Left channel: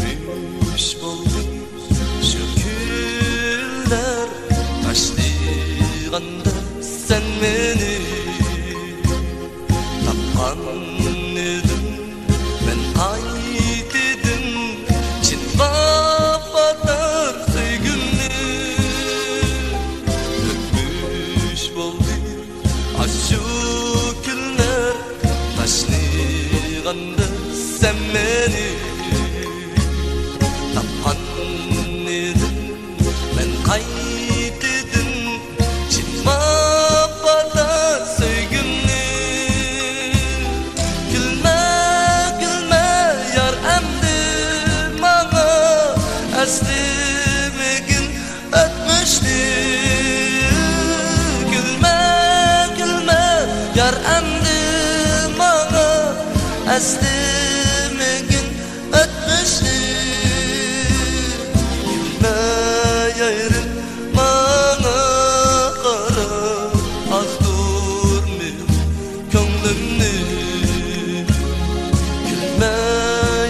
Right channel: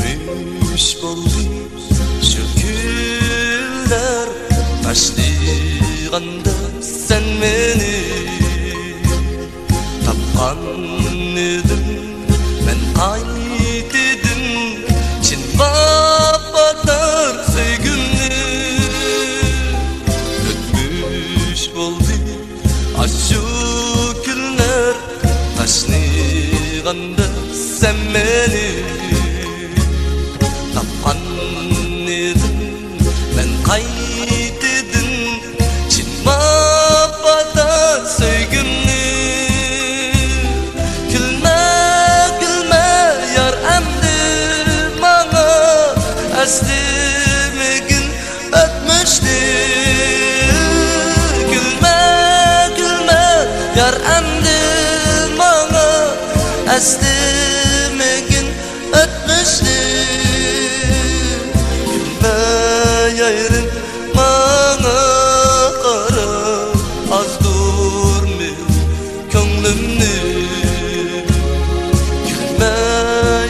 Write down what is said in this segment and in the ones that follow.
Ötmüş boldu şu küller taşliganda sen meni tapkan edim men qaytedin çin vafatar söygümni ötmüş boldu aşu küller taşliganda sen meni tapkan edim men qaytedin çin vafatar söygümni külme külme yar emdi mağa eslimigin ötmüştü külme külme yar emdi mağa eslimigin ötmüştü külme yayrın mağa kara az durmuyor könglimni külme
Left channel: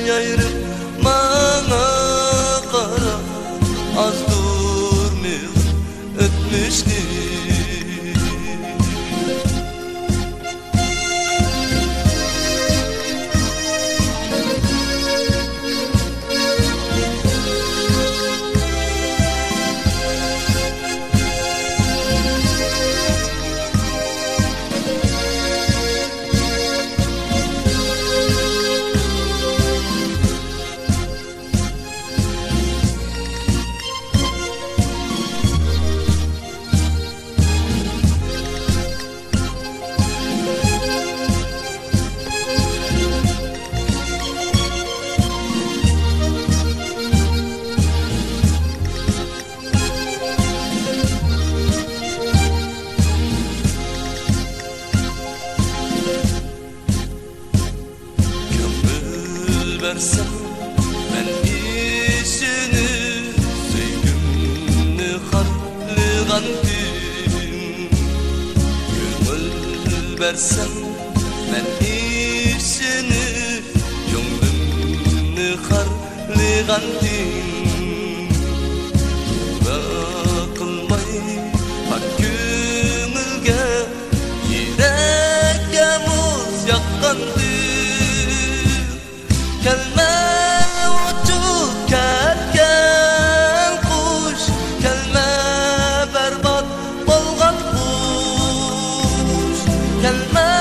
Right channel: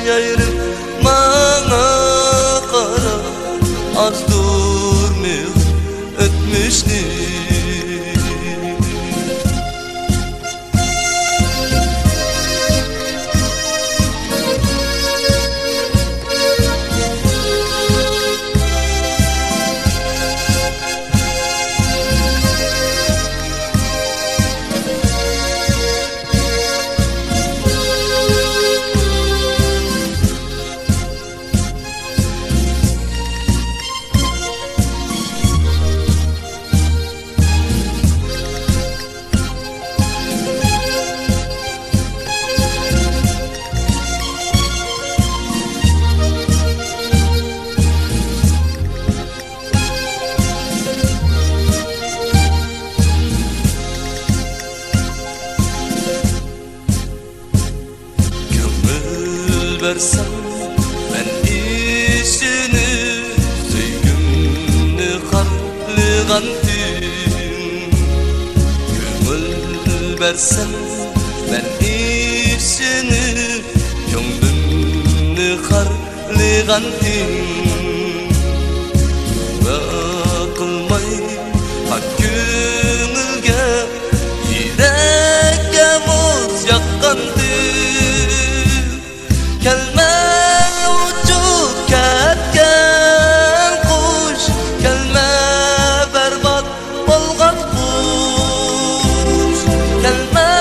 yayrın mağa kara az durmuyor ötmüştü Köngül versem men işini söygümni harligantim Köngül versem men işini könglimni harligantim Köngü kılmay pak köngülge yürekке muz yakkantim kelme uçup ketken kuş kelme berbat bolgan kuş kelme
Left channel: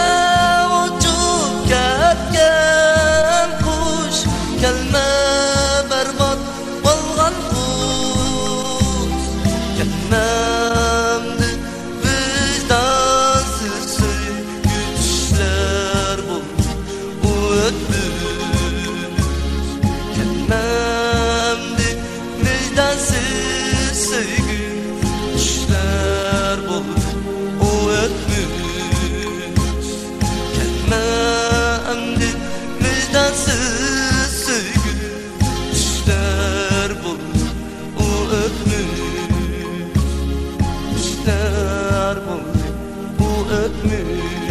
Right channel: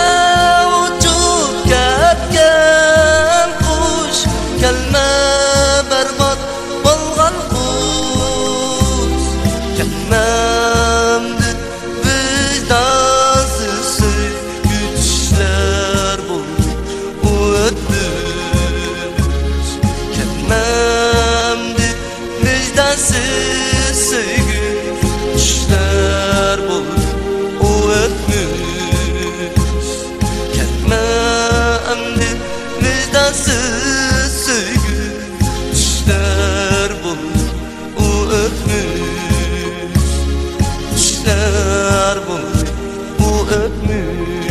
uçup ketken kuş kelme berbat bolgan kuş kelmemdi vicdansız güçler buldu o ötmüş kelmemdi vicdansız sevgi düşler buldu o ötmüş kelmemdi vicdansız sevgi düşler buldu o ötmüş düşler buldu o ötmüş